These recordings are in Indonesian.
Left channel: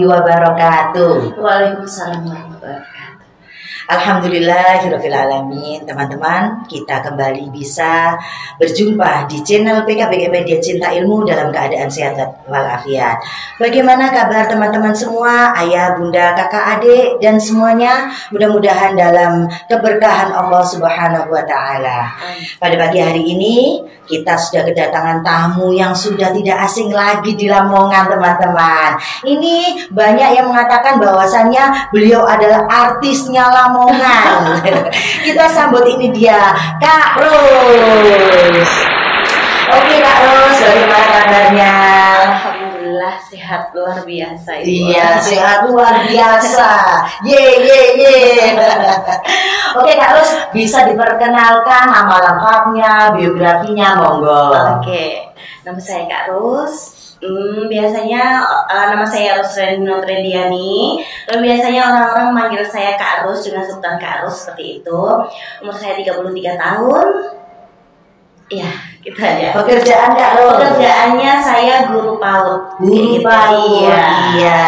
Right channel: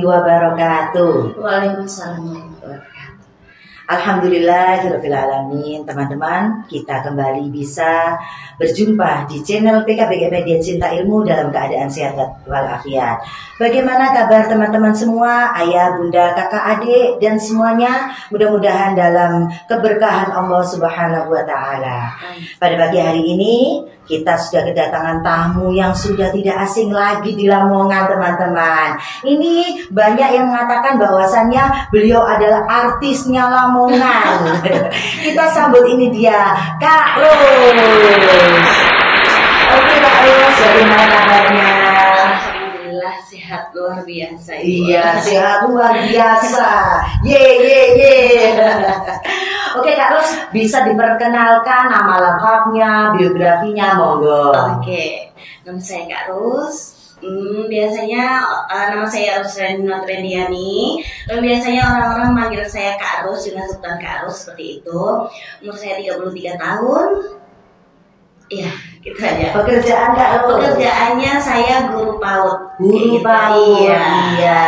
warahmatullahi wabarakatuh. Waalaikumsalam warahmatullahi wabarakatuh. Alhamdulillahirabbil alamin. Teman-teman, kita kembali bisa berjumpa di channel PKBG Media Cinta Ilmu dalam keadaan sehat walafiat. Bagaimana kabar teman-teman semua, ayah, bunda, kakak, adik dan semuanya? Mudah-mudahan dalam keberkahan Allah Subhanahu wa taala. Pada pagi hari ini kita sudah kedatangan tamu yang sudah tidak asing lagi di Lamongan, teman-teman. Ini banyak yang mengatakan bahwasannya beliau adalah artisnya Lamongan. Kita sambut ini dia, Kak Ros. Oke Kak Ros, bagaimana kabarnya? Alhamdulillah sehat luar biasa. Iya, sehat luar biasa. Ye. Oke Kak Ros, bisa diperkenalkan nama lengkapnya, biografinya, monggo. Oke, nama saya Kak Ros. Biasanya nama saya Rusreno Trendiani. Lalu biasanya orang-orang manggil saya Kak Ros dengan sebutan Kak Ros seperti itu. Umur saya 33 tahun. Iya, gitu aja. Pekerjaan Kak Ros? Pekerjaannya saya guru PAUD. Guru PAUD. Iya.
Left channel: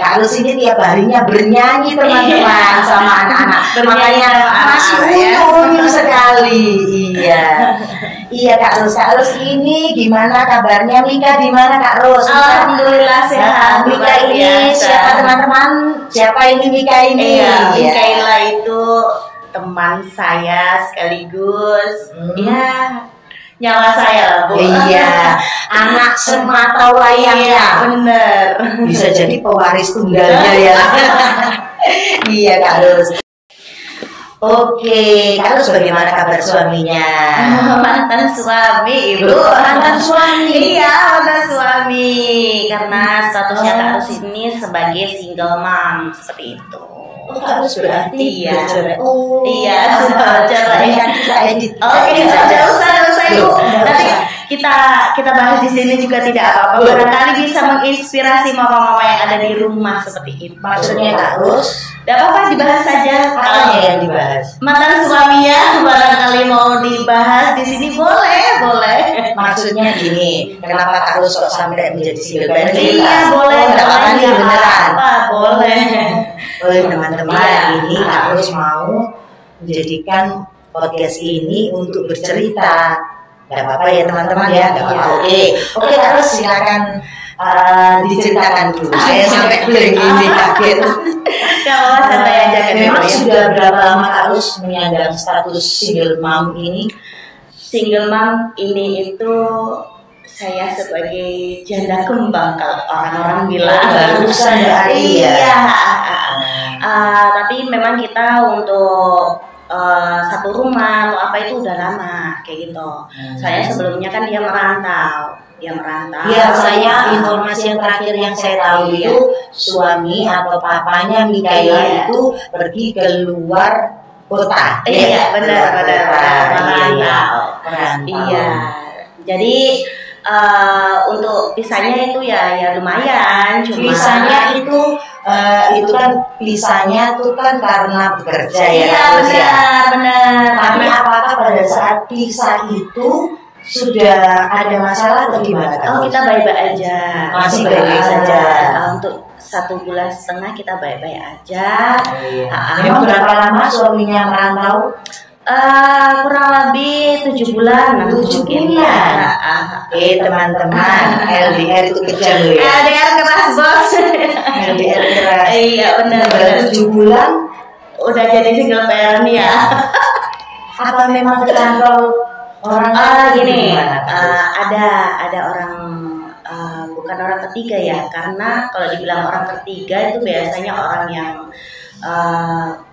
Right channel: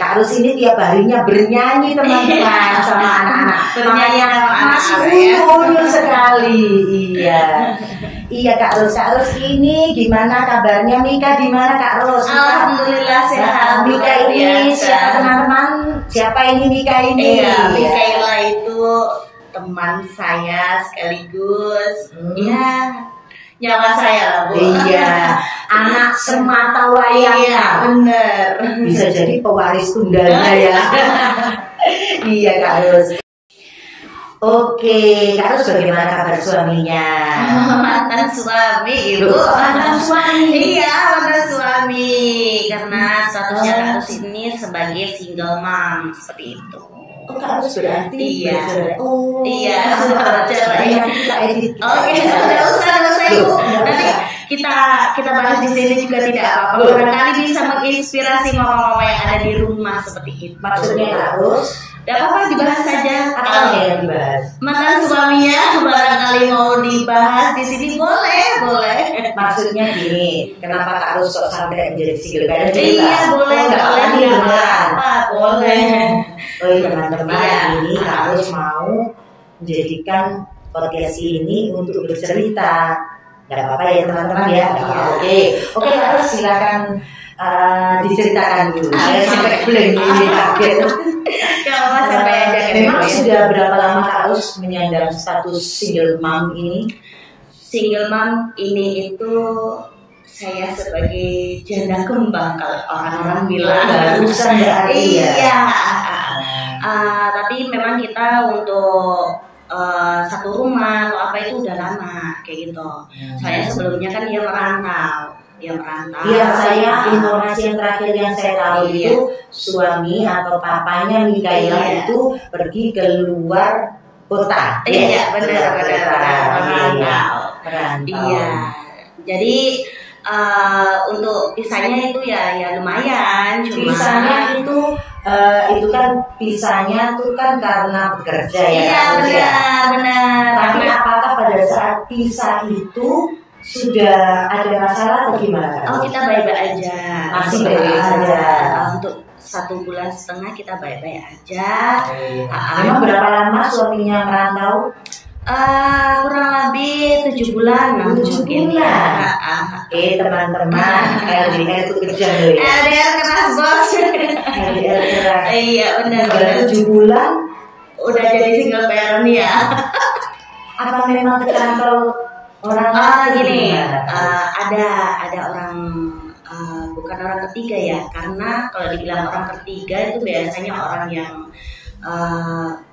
Kak Ros ini tiap harinya bernyanyi teman-teman sama anak-anak. Bernyanyi masih unyu sekali. Iya. Iya Kak Ros ini gimana kabarnya? Nikah di mana Kak Ros? Alhamdulillah sehat. Nikah ini siapa teman-teman? Siapa ini nikah ini? Iya, Mikaela itu teman saya sekaligus. Iya. Nyawa saya lah Bu. Iya, anak semata wayangnya. Iya, bener. Bisa jadi pewaris tunggalnya ya. Iya Kak Ros. Oke, Kak Ros bagaimana kabar suaminya? Mantan suami Ibu. Mantan suami. Iya, mantan suami. Karena statusnya Kak Ros ini sebagai single mom seperti itu. Oh, Kak Ros berarti iya. Oh, iya, cara ya. Kita edit. Oke, enggak usah Ibu. Nanti kita bahas di sini juga tidak apa-apa. Barangkali bisa menginspirasi mama-mama yang ada di rumah seperti itu. Maksudnya Kak Ros? Gak apa-apa, dibahas saja. Kalau yang dibahas mantan suaminya barangkali mau dibahas di sini boleh. Maksudnya gini, kenapa Kak Ros sok sampai menjadi single parent? Iya boleh, apa boleh. Oh teman-teman, ini Kak Ros mau menjadikan podcast ini untuk bercerita. Gak apa-apa ya teman-teman ya. Oke Kak Ros silakan diceritakan dulu. Saya sampai blank ini kaget. Kalau sampai aja kan. Memang sudah berapa lama Kak Ros menyandang status single mom ini? Single mom ini itu saya sebagai janda kembang kalau orang-orang bilang. Barusan iya. Tapi memang kita untuk satu rumah atau apa itu udah lama kayak gitu. Saya sebelumnya kan dia merantau. Ya saya informasi yang terakhir yang saya tahu itu suami atau papanya Mikaela itu pergi keluar kota. Iya benar merantau. Iya. Jadi untuk pisahnya itu ya lumayan. Cuma pisahnya itu kan pisahnya tuh kan karena bekerja ya. Iya benar. Tapi apakah pada saat pisah itu sudah ada masalah atau gimana? Oh kita baik-baik aja. Masih baik-baik saja. Untuk 1,5 bulan kita baik-baik aja. Memang berapa lama suaminya merantau? Kurang lebih 7 bulan. 7 bulan. Teman-teman, LDR itu kerja loh ya. LDR keras bos. LDR keras. Iya benar. 7 bulan udah jadi single parent ya. Apa memang terkantol orang gini? Ada orang bukan orang ketiga ya, karena kalau dibilang orang ketiga itu biasanya orang yang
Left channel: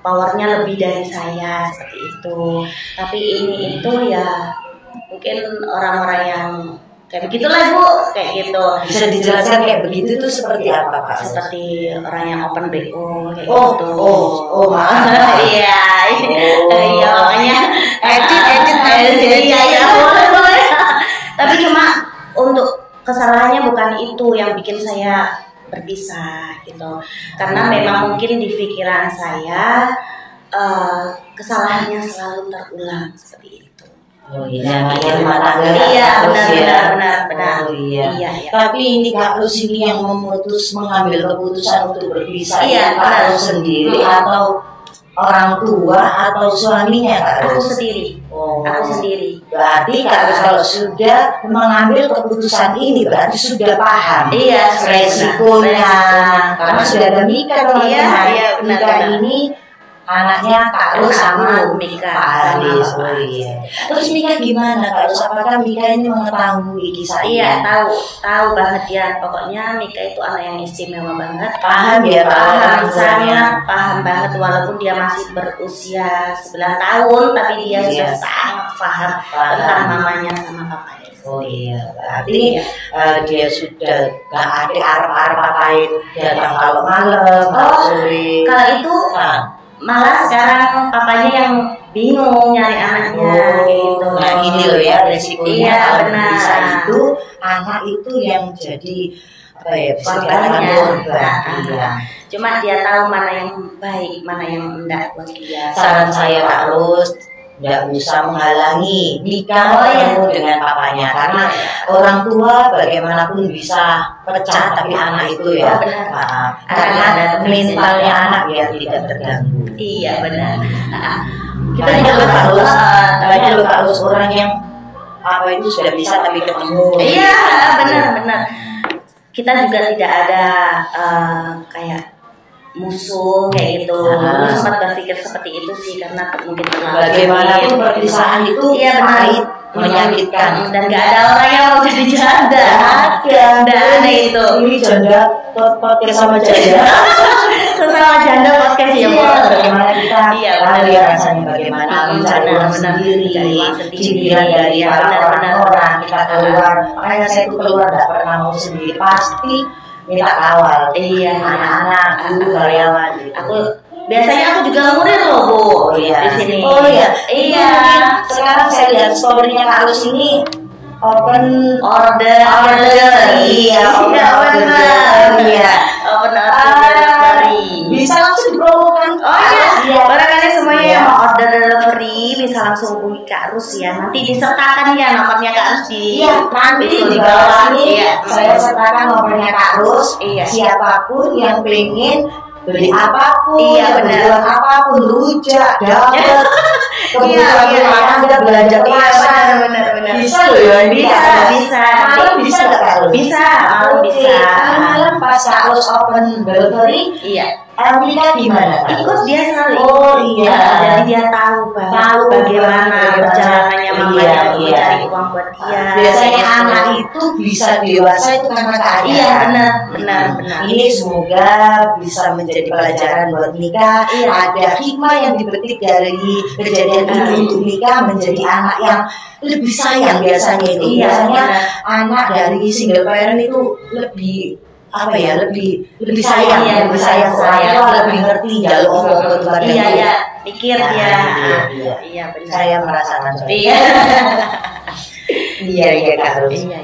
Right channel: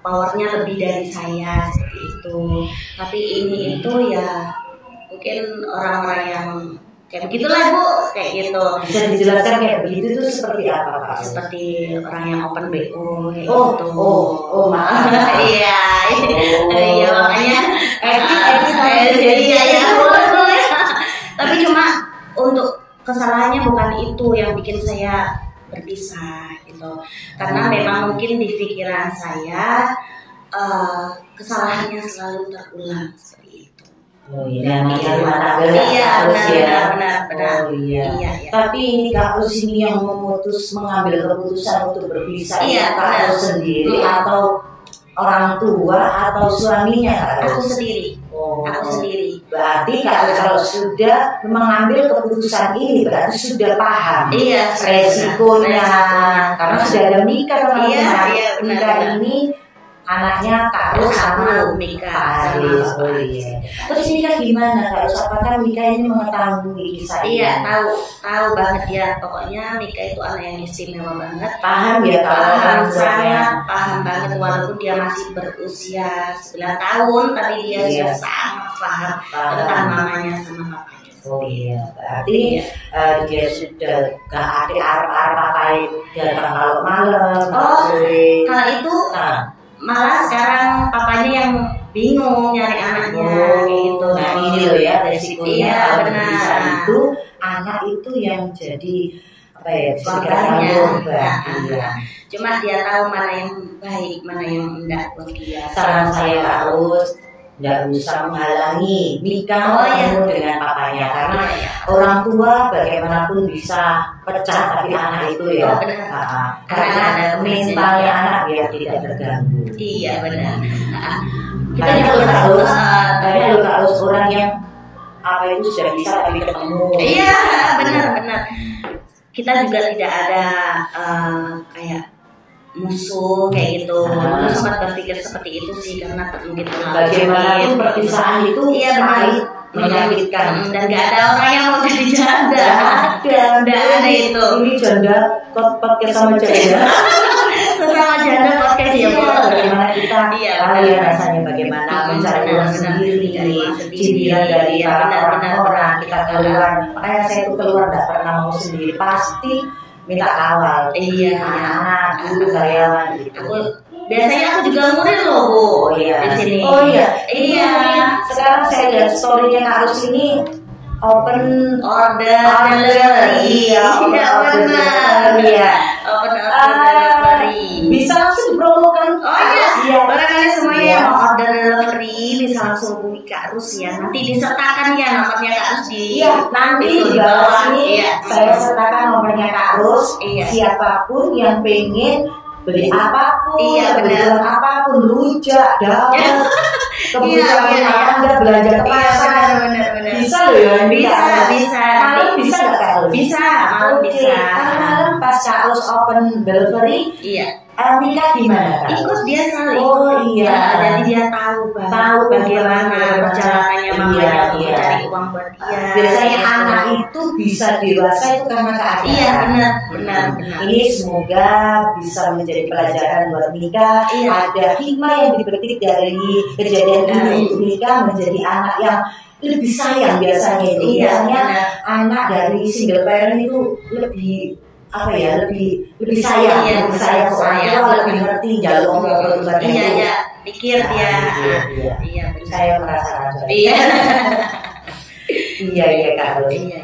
powernya lebih dari saya seperti itu. Tapi ini itu ya mungkin orang-orang yang kayak begitulah Bu, kayak gitu. Bisa dijelaskan kayak begitu itu seperti apa Pak? Seperti orang yang open BO kayak gitu. Iya. Iya makanya iya boleh. Tapi cuma untuk kesalahannya bukan itu yang bikin saya berpisah gitu. Karena memang mungkin di pikiran saya kesalahannya selalu terulang seperti itu. Oh iya, namanya rumah tangga. Iya, harus benar. Oh iya. Iya. Tapi ini Kak Rus ini yang mengambil keputusan untuk berpisah. Iya, Kak benar. Rus sendiri atau orang tua atau suaminya Kak Rus? Aku sendiri. Oh. Aku sendiri. Berarti kalau sudah mengambil keputusan ini berarti sudah paham Iya, resikonya. Karena sudah ada nikah kalau Iya, benar. nikah ini anaknya Kak Rus sama Mika Pak sama Haris. Bapak. Oh iya. Terus nikah gimana Kak Rus? Apakah Mika ini mengetahui kisah ini? Iya, tahu banget ya. Pokoknya Mika itu anak yang istimewa banget. Paham ya, Paham, sangat paham banget walaupun dia masih berusia 9 tahun tapi dia sudah sangat paham tentang mamanya sama papanya. Oh iya, berarti dia sudah gak ada arah-arah papain datang kalau malam, sore. Kalau itu malah sekarang papanya yang bingung nyari anaknya kayak gitu. Nah ini loh ya resikonya. Iya, kalau benar. bisa itu anak itu yang jadi apa ya, korbannya. Iya. Cuma dia tahu mana yang baik, mana yang enggak buat dia. Saran saya Kak Rus, nggak bisa menghalangi nikah dengan papanya karena orang tua bagaimanapun bisa pecah tapi anak itu ya karena mentalnya anak biar tidak terganggu. Iya benar. Kita juga harus banyak loh harus orang yang apa itu sudah bisa tapi ketemu. Iya benar. Kita juga tidak ada kayak musuh kayak gitu. Dulu sempat berpikir seperti itu sih karena mungkin terlalu bagaimanapun perpisahan itu menyakitkan dan gak ada orang yang mau jadi janda. Nggak ada itu. Ini janda podcast sama janda. Sesama janda podcast ya Bu. Bagaimana kita tahu ya rasanya bagaimana mencari uang sendiri, sindiran dari orang kita keluar. Makanya saya itu keluar tidak pernah mau sendiri, pasti minta kawal. Iya, anak-anak, guru, karyawan. Aku biasanya aku juga ngurir loh Bu di sini. Oh iya. Iya. Sekarang saya lihat story-nya Kak Rus ini open order delivery. Iya, benar. Iya. Open order delivery. Bisa langsung dipromokan. Oh iya. Barangkali semuanya yang mau order delivery bisa langsung hubungi Kak Rus ya. Nanti disertakan ya nomornya Kak Rus di nanti itu di bawah ini. Iya. Saya sertakan nomornya Kak Rus. Iya. Siapapun yang pengen beli apapun, kebutuhan apapun, rujak, dawet, kebutuhan Anda belanja pasar, benar. bisa loh ya, bisa. Malam bisa nggak Kak Rus? Bisa, malam bisa. Malam pas Kak Rus open delivery, iya. Mika gimana Kak? Ikut dia selalu. Oh iya. Jadi dia tahu bagaimana perjalanannya mamanya untuk mencari uang buat dia. Biasanya anak itu bisa dewasa itu karena keadaan. Iya benar. Ini semoga bisa menjadi pelajaran buat Mika. Iya. Ada hikmah yang dipetik dari kejadian ini untuk Mika menjadi anak yang lebih sayang biasanya itu. Iya, Biasanya anak dari single parent itu lebih lebih sayang, lebih sayang lebih ngerti jalur omongan kepada iya pikir dia iya benar saya merasakan iya Kak Rus. Iya.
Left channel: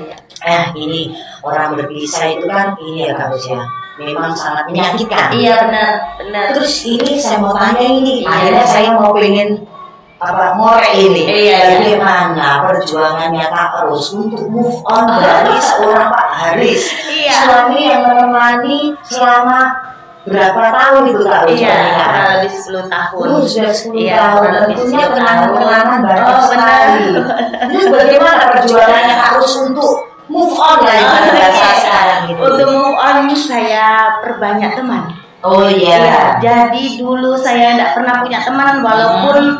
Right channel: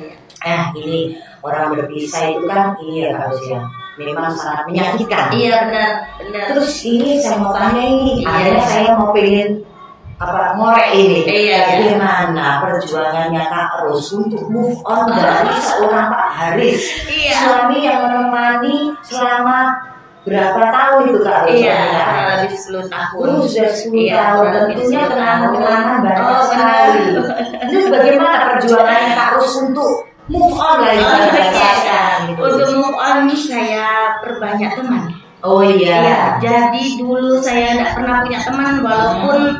Ini orang berpisah itu kan ini ya Kak Rus ya memang sangat menyakitkan. Iya benar. Terus ini saya mau tanya ini akhirnya saya mau pengen ngorek ini bagaimana perjuangannya Kak Rus untuk move on dari seorang Pak Haris, suami yang menemani selama berapa tahun itu Kak Rus? Kurang lebih 10 tahun. Sudah 10 tahun. Tentunya kenangan-kenangan banyak sekali. Terus bagaimana perjuangannya Kak Rus untuk move on lagi sekarang itu? Untuk move on saya perbanyak teman. Oh iya. Jadi dulu saya tidak pernah punya teman walaupun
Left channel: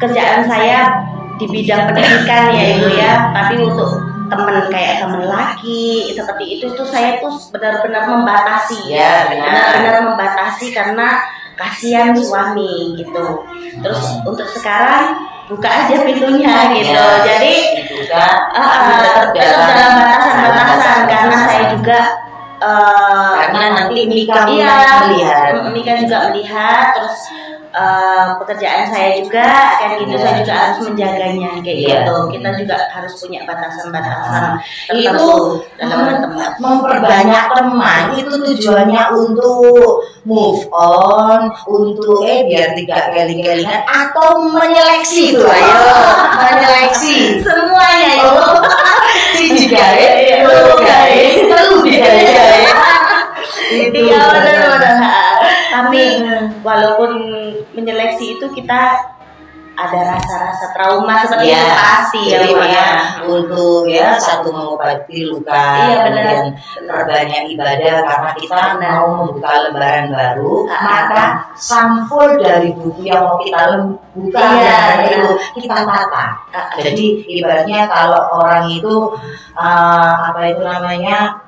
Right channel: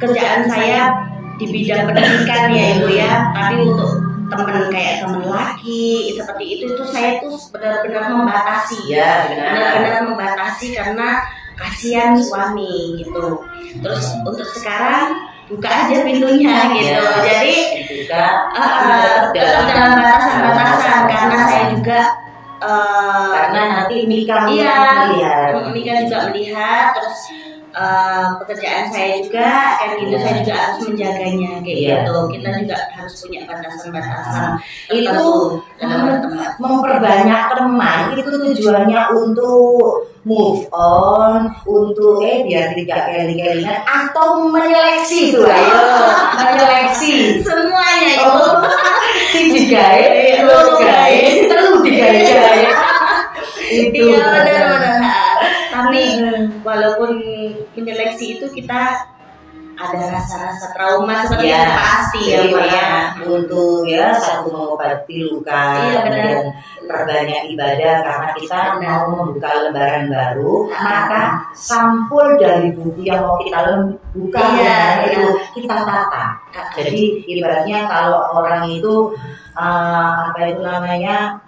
kerjaan saya di bidang pendidikan ya Ibu ya, tapi untuk teman kayak teman laki seperti itu tuh saya tuh benar-benar membatasi. Benar-benar membatasi karena kasihan suami gitu. Terus untuk sekarang buka aja pintunya gitu. Jadi tetap dalam batasan-batasan karena saya juga karena nanti Mika Mika juga melihat terus pekerjaan saya juga kan gitu, Iya. saya juga harus menjaganya kayak Iya. gitu. Kita juga harus punya batasan-batasan Itu tertentu dalam berteman. memperbanyak teman itu tujuannya untuk move on, untuk biar tidak kali-kalian atau menyeleksi itu ayo, menyeleksi Semuanya itu. si digawe, lu gawe, telu digawe. Itu Iya benar. Tapi walaupun menyeleksi itu kita ada rasa-rasa trauma seperti itu pasti ya, jadi Mbak ya. untuk satu mengobati luka, Iya, benar. kemudian perbanyak ibadah karena kita mau membuka lembaran baru, maka sampul dari buku yang mau kita buka Iya, itu kita tata. Jadi ibaratnya kalau orang itu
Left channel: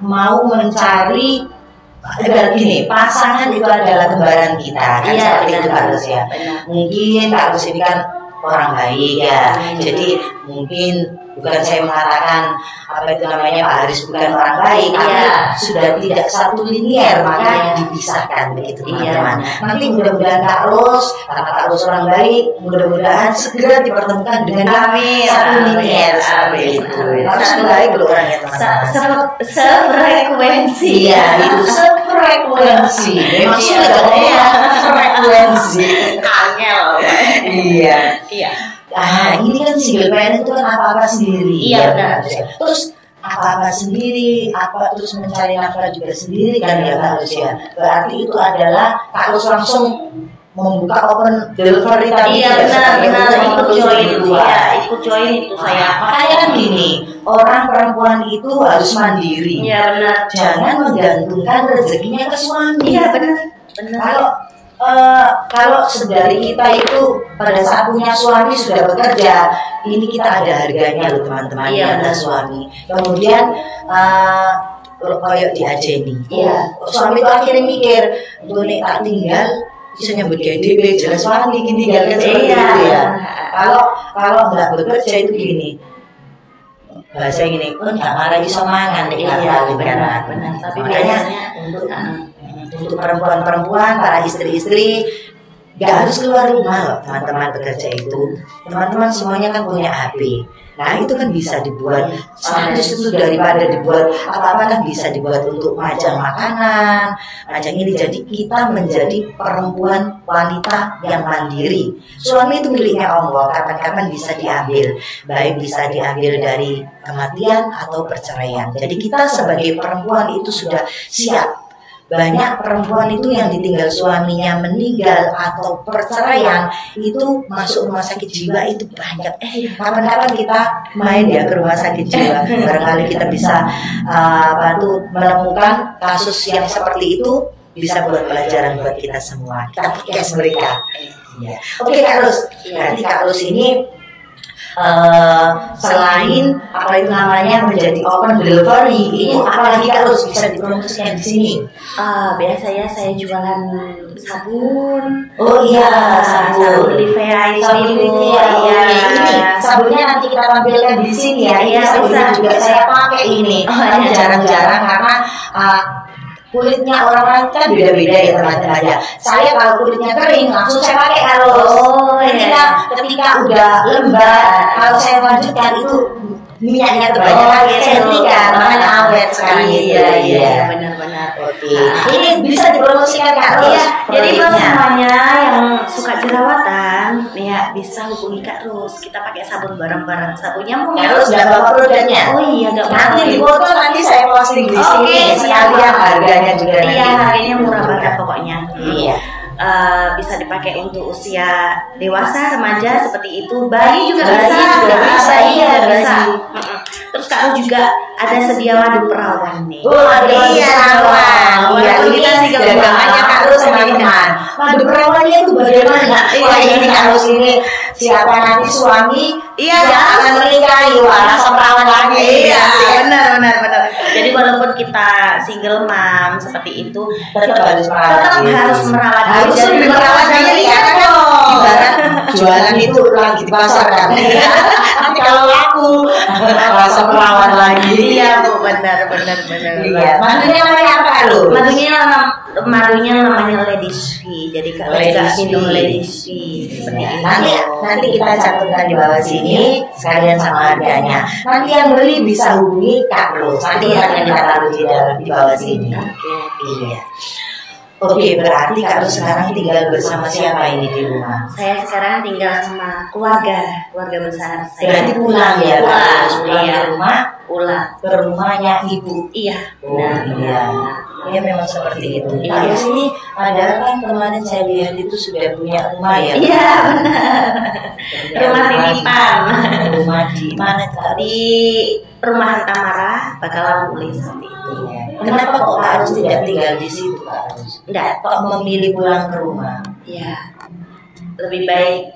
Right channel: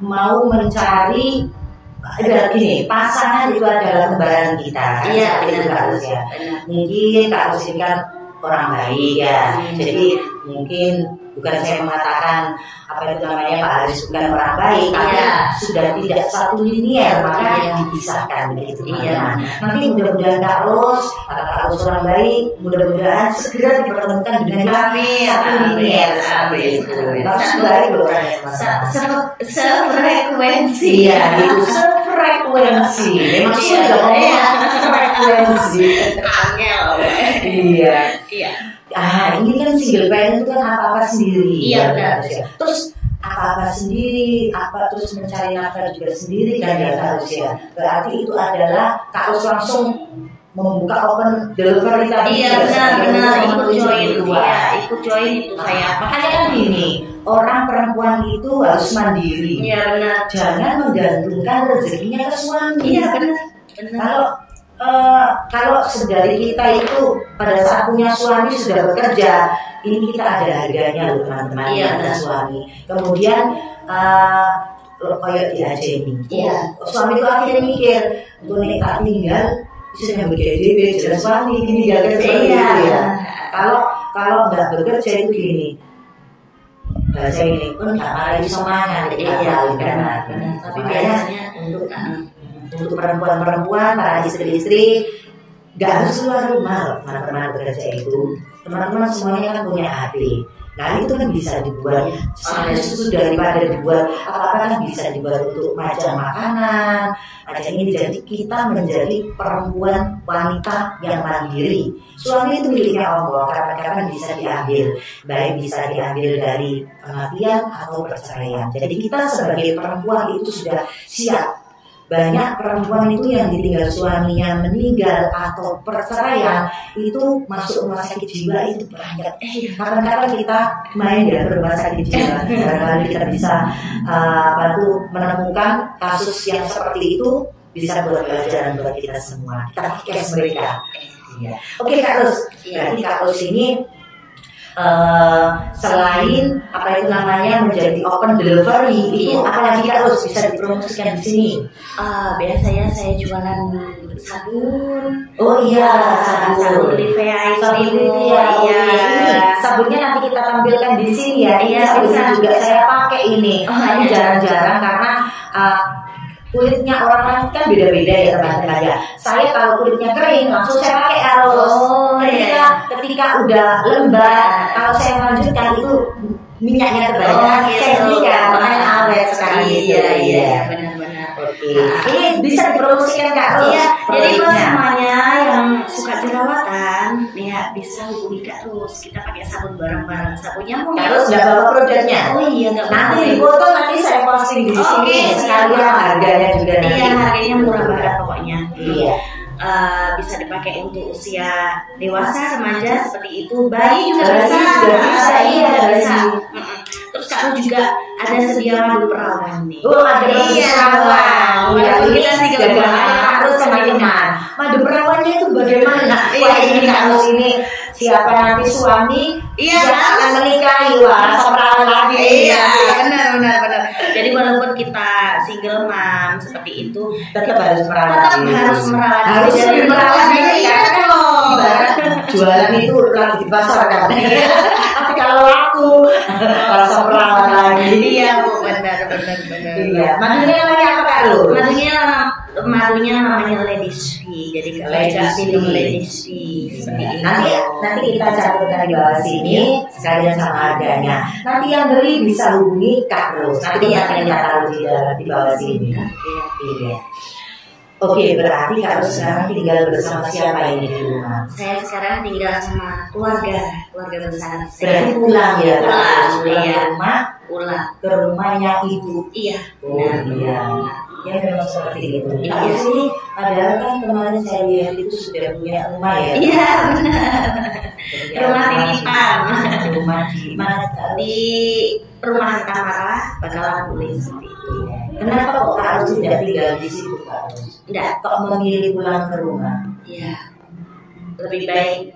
mau mencari gini, pasangan itu adalah lembaran kita kan, Iya, seperti itu benar. Kak Rus ya. Benar. Mungkin Kak Rus ini kan orang baik ya, jadi mungkin bukan saya mengatakan Pak Haris bukan orang baik, karena sudah tidak satu linier, maka dipisahkan begitu teman-teman. Nanti mudah-mudahan Kak Rus, karena Kak Rus orang baik, mudah-mudahan segera dipertemukan dengan satu linier seperti itu. Harus baik loh orangnya teman-teman. Sefrekuensi. Iya, itu sefrekuensi. Memang sudah frekuensi. Angel. Iya. Iya. Ini kan single parent itu kan apa-apa sendiri. Iya, ya, benar. Terus apa-apa sendiri, terus mencari nafkah juga sendiri kan ya Kak Rus ya. Berarti itu adalah Kak Rus langsung membuka open delivery tadi. Iya benar, ikut join. Iya, Ikut join itu saya. Makanya kan gini, orang perempuan itu harus mandiri. Iya benar. Jangan menggantungkan rezekinya ke suami. Iya benar. Kalau dari kita itu pada saat punya suami sudah bekerja, ini kita ada harganya loh teman-teman. Iya, ada suami. Kemudian kayak di Ajeni. Iya. Suami itu akhirnya mikir, untuk ini tak tinggal bisa nyambut DDB jalan suami ini jaga seperti itu ya. Kalau nggak bekerja itu gini. Bahasa ini pun nggak malah bisa mangan. Iya benar. Tapi biasanya untuk perempuan-perempuan, para istri-istri nggak harus keluar rumah loh teman-teman bekerja itu. Teman-teman semuanya kan punya HP. Nah itu kan bisa dibuat status itu daripada dibuat apa-apa kan bisa dibuat untuk macam makanan macam ini. Jadi kita menjadi perempuan wanita yang mandiri. Suami itu miliknya Allah, kapan-kapan bisa diambil, baik bisa diambil dari kematian atau perceraian. Jadi kita sebagai perempuan itu sudah siap. Banyak perempuan itu yang ditinggal suaminya meninggal atau perceraian itu masuk rumah sakit jiwa itu banyak. Kapan-kapan kita main ya ke rumah sakit jiwa, barangkali kita bisa menemukan kasus yang seperti itu, bisa buat pelajaran buat kita semua. Kita cash mereka. Iya. Oke Kak Rus, berarti Kak Rus ini selain menjadi open delivery itu apalagi Kak Rus bisa dipromosikan di sini? Biasanya saya jualan sabun. Oh iya, sabun Livea itu. Iya. Ini sabunnya nanti kita tampilkan di sini ya. Ini sabunnya juga saya pakai ini. Jarang-jarang karena kulitnya orang-orang kan beda-beda ya teman-teman ya. Saya kalau kulitnya kering langsung saya pakai ketika udah lembab, kalau saya lanjutkan itu minyaknya kebanyakan, saya tidak makanya awet sekali. Iya benar-benar. Oke. Ini bisa dipromosikan Kak Rus. Iya, jadi buat semuanya yang suka jerawatan, ya bisa hubungi Kak Rus. Kita pakai sabun bareng-bareng. Sabunnya mau Kak Rus nggak bawa produknya? Oh iya, nggak bawa. Nanti di foto nanti saya posting di sini. Oke, siap. Harganya juga nanti. Iya, harganya murah banget pokoknya. Iya. Bisa dipakai untuk usia dewasa, remaja seperti itu. Bayi juga Bayi bisa. juga bisa, Bayi iya, juga bayi. bisa. Terus Kak Rus juga ada sedia madu perawan nih. Iya, walaupun kita single banyak Kak Rus teman-teman. Madu perawannya itu bagaimana? Wah ini Kak Rus ini siapa nanti suami? Iya, akan menikahi langsung perawan lagi. Iya, benar. Jadi walaupun kita single mom seperti itu, Tetap harus merawat harus merawat harus diri. merawat diri ya dong. Karena jualan itu lagi di pasar kan. Iya. Tapi kalau laku rasa perawan lagi. Iya Bu, benar. Iya. Madunya namanya apa Kak Ru? Madunya namanya Ladies Fee. Jadi kalau nggak minum Ladies Fee seperti itu. Nanti kita cantumkan di bawah sini sekalian sama harganya. Nanti yang beli bisa hubungi Kak Ru. Nanti akan kita taruh di bawah sini. Iya. Oke, berarti Kak Ru sekarang tinggal bersama siapa ini di rumah? Saya sekarang tinggal sama keluarga besar saya. Berarti pulang ya, Pulang, pulang iya. ke rumah, Pulang. ke rumahnya ibu. Iya. Oh iya, ya memang seperti itu. Iya. Kak Ru ini padahal kan kemarin saya lihat itu sudah punya rumah ya. Iya benar. Punya Rumah titipan. Rumah di mana Kak Ru? Di Perumahan Tamara, Bakalan Pulih seperti itu. Kenapa kok Kak Ru tidak tinggal di situ Kak Ru? Enggak. Kok memilih pulang ke rumah? Ya, lebih baik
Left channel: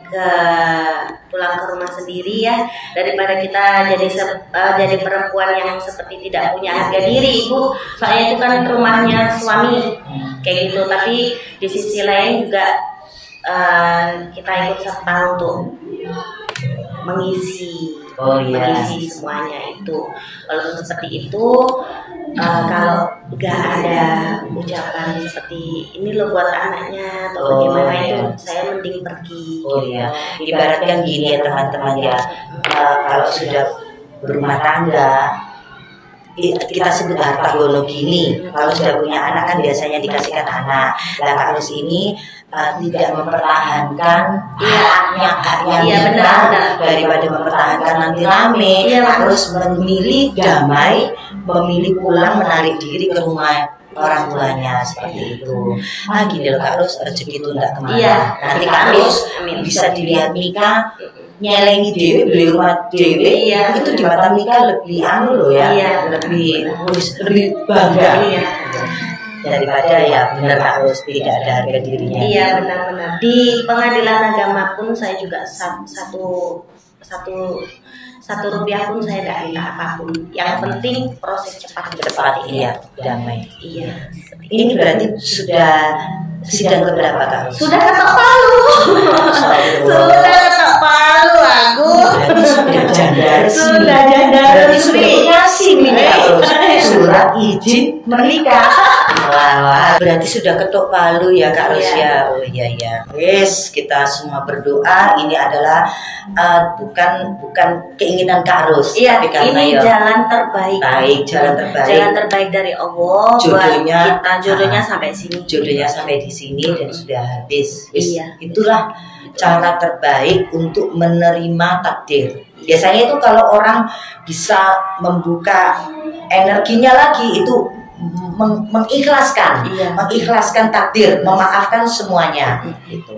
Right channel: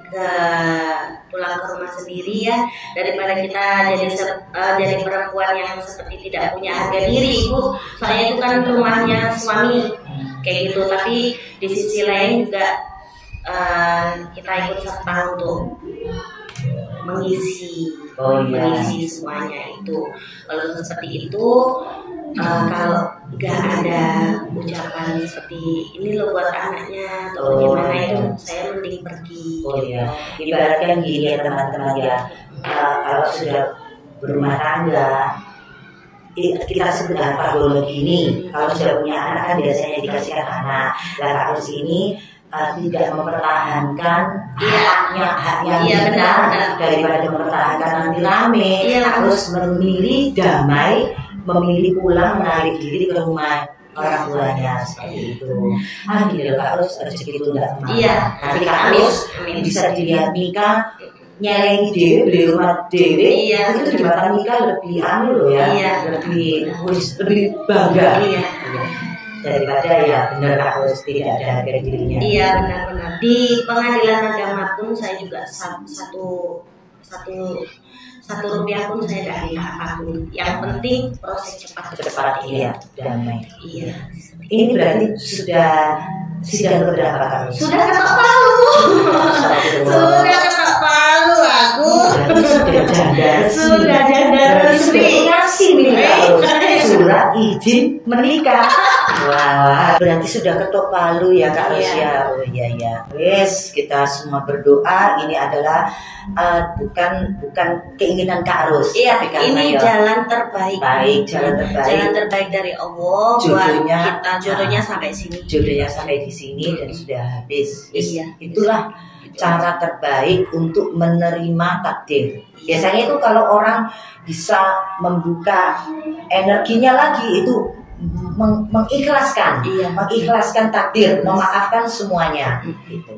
pulang ke rumah sendiri ya daripada kita jadi perempuan yang seperti tidak punya harga diri, Ibu. Soalnya itu kan rumahnya suami kayak gitu. Tapi di sisi lain juga kita ikut serta untuk mengisi semuanya itu. Walaupun seperti itu, kalau nggak ada ucapan seperti ini loh buat anaknya atau bagaimana itu, saya mending pergi. Oh iya, ibaratkan gini ya teman-teman ya, kalau sudah berumah tangga, kita sebut apa gono gini. Kalau sudah punya anak kan biasanya dikasihkan anak. Lah Kak Ru ini tidak mempertahankan haknya kita daripada mempertahankan nanti rame. Harus memilih damai, memilih pulang menarik diri ke rumah orang tuanya seperti itu. Gila Kak Ru rezeki itu tidak kemana. Nanti Kak Ru bisa dilihat nikah nyelengi dewe beli rumah dewe. Itu di mata nikah lebih loh ya, lebih bangga. Daripada ya benar Kak Ru tidak ada harga dirinya. Iya benar. Di pengadilan agama pun saya juga satu rupiah pun saya tidak minta apapun. Yang penting proses cepat ya, damai. Iya. Ini berarti sudah sidang keberapa Kak Ru? Sudah ketok palu. Sudah ketok palu aku. Sudah janda resmi. Surat izin menikah. Wah, berarti sudah ketok palu ya Kak Ru ya. Oh iya. Wes, kita semua berdoa. Ini adalah bukan keinginan Kak Ru. Iya, ini jalan terbaik. Jalan terbaik dari Allah buat kita. Jodohnya sampai sini. Jodohnya sampai di sini dan sudah habis. Itulah cara terbaik untuk menerima takdir. Biasanya itu kalau orang bisa membuka energinya lagi itu mengikhlaskan takdir, memaafkan semuanya gitu.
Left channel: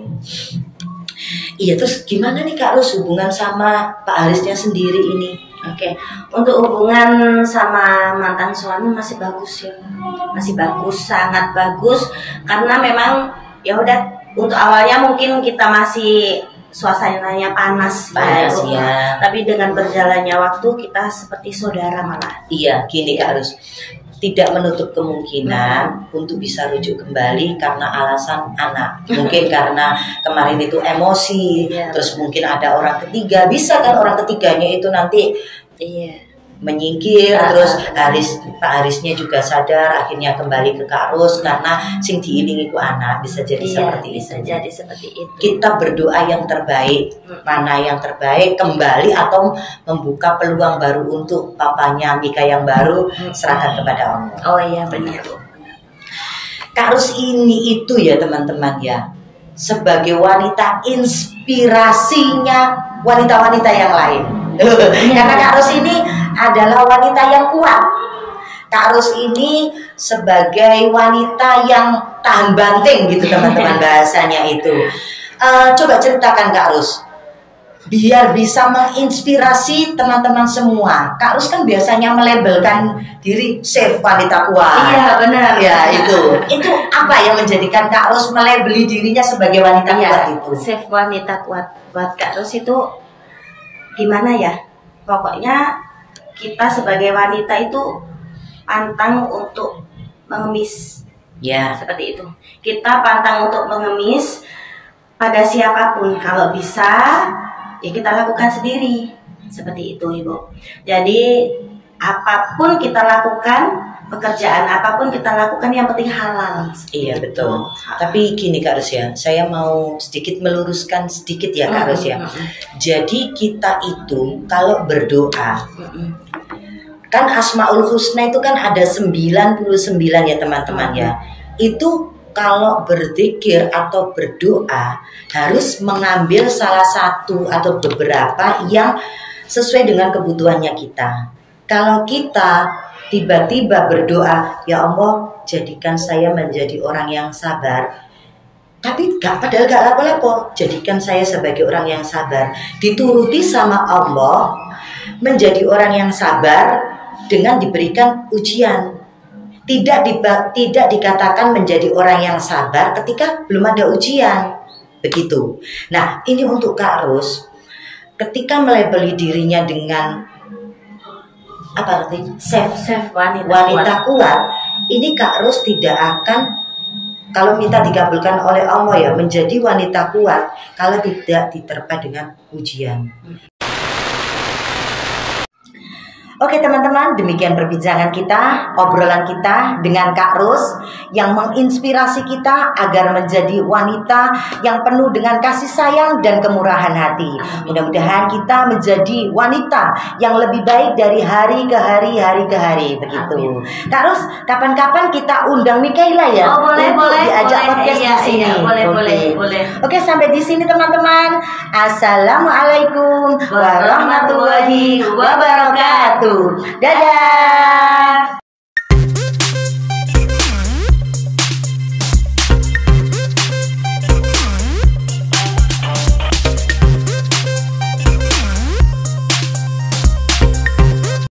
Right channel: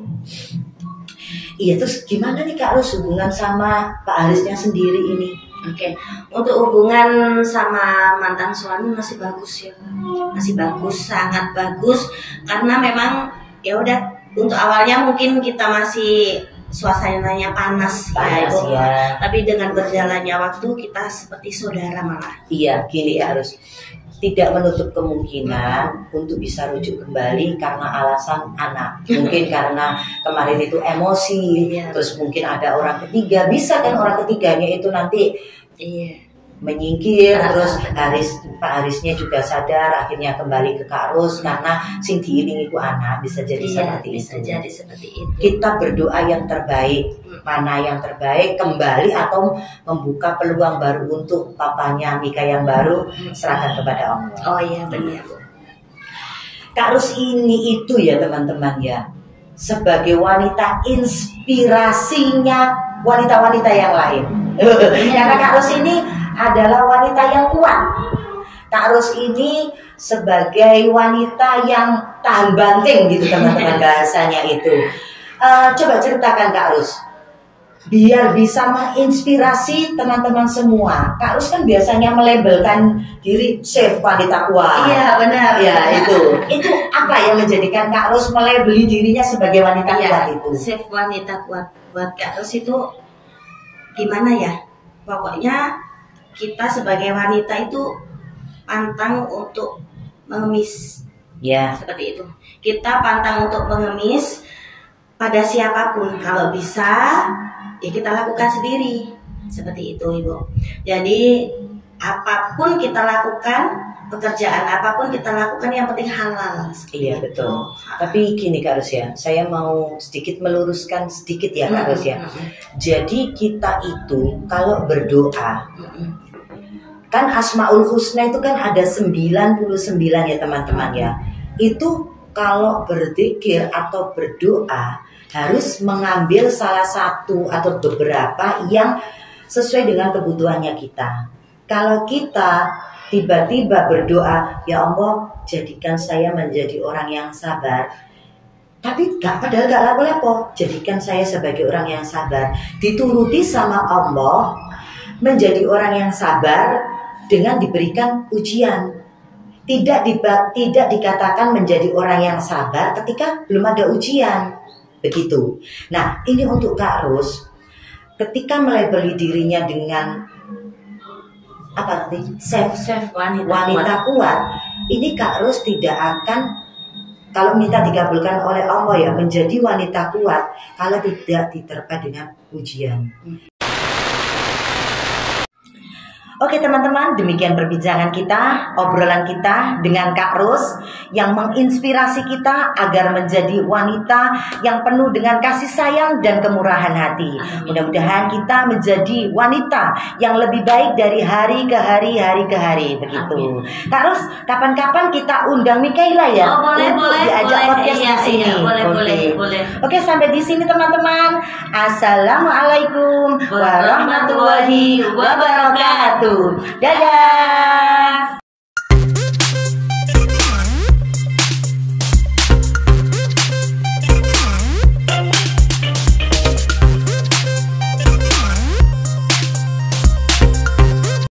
Iya, terus gimana nih Kak Ru hubungan sama Pak Alisnya sendiri ini? Oke, untuk hubungan sama mantan suami masih bagus ya, masih bagus, sangat bagus. Karena memang ya udah, untuk awalnya mungkin kita masih suasananya panas ya. Tapi dengan berjalannya waktu kita seperti saudara malah. Iya, gini harus tidak menutup kemungkinan untuk bisa rujuk kembali karena alasan anak. Mungkin karena kemarin itu emosi, terus mungkin ada orang ketiga. Bisa kan orang ketiganya itu nanti menyingkir, terus Pak Arisnya juga sadar, akhirnya kembali ke Kak Ru karena sing diiringi ku anak. Bisa jadi jadi seperti itu. Kita berdoa yang terbaik, mana yang terbaik, kembali atau membuka peluang baru untuk papanya Mika yang baru, serahkan kepada Allah. Oh iya benar Bu. Kak Ru ini itu ya teman-teman ya, sebagai wanita inspirasinya wanita-wanita yang lain. Karena Kak Ru ini adalah wanita yang kuat. Kak Ru ini sebagai wanita yang tahan banting gitu teman-teman bahasanya itu. Coba ceritakan Kak Ru, biar bisa menginspirasi teman-teman semua. Kak Ru kan biasanya melabelkan diri chef wanita kuat. Iya benar. Ya itu apa yang menjadikan Kak Ru melabeli dirinya sebagai wanita kuat itu? Chef wanita kuat buat Kak Ru itu gimana ya? Pokoknya kita sebagai wanita itu pantang untuk mengemis. Ya. Seperti itu. Kita pantang untuk mengemis. pada siapapun. Kalau bisa ya kita lakukan sendiri, seperti itu Ibu. Jadi apapun kita lakukan, pekerjaan apapun kita lakukan, yang penting halal. Iya betul. Tapi gini Kak Ros ya, saya mau sedikit meluruskan sedikit ya Kak Ros ya. Jadi kita itu kalau berdoa, kan Asmaul Husna itu kan ada 99 ya teman-teman ya. Itu kalau berzikir atau berdoa harus mengambil salah satu atau beberapa yang sesuai dengan kebutuhannya kita. Kalau kita tiba-tiba berdoa, ya Allah jadikan saya menjadi orang yang sabar, tapi padahal gak lapo-lapo, jadikan saya sebagai orang yang sabar, dituruti sama Allah menjadi orang yang sabar dengan diberikan ujian. Tidak dikatakan menjadi orang yang sabar ketika belum ada ujian. Begitu. Nah, ini untuk Kak Ros, ketika melabeli dirinya dengan apa artinya? Safe wanita kuat. Ini Kak Ros tidak akan, kalau minta dikabulkan oleh Allah ya, menjadi wanita kuat kalau tidak diterpa dengan ujian. Oke teman-teman, demikian perbincangan kita, obrolan kita dengan Kak Ros yang menginspirasi kita agar menjadi wanita yang penuh dengan kasih sayang dan kemurahan hati. Mudah-mudahan kita menjadi wanita yang lebih baik dari hari ke hari, begitu. Kak Ros, kapan-kapan kita undang Mikaela ya? Oh, boleh, diajak podcast di sini. Iya, boleh. Oke, sampai di sini teman-teman. Assalamualaikum warahmatullahi wabarakatuh. Dadah.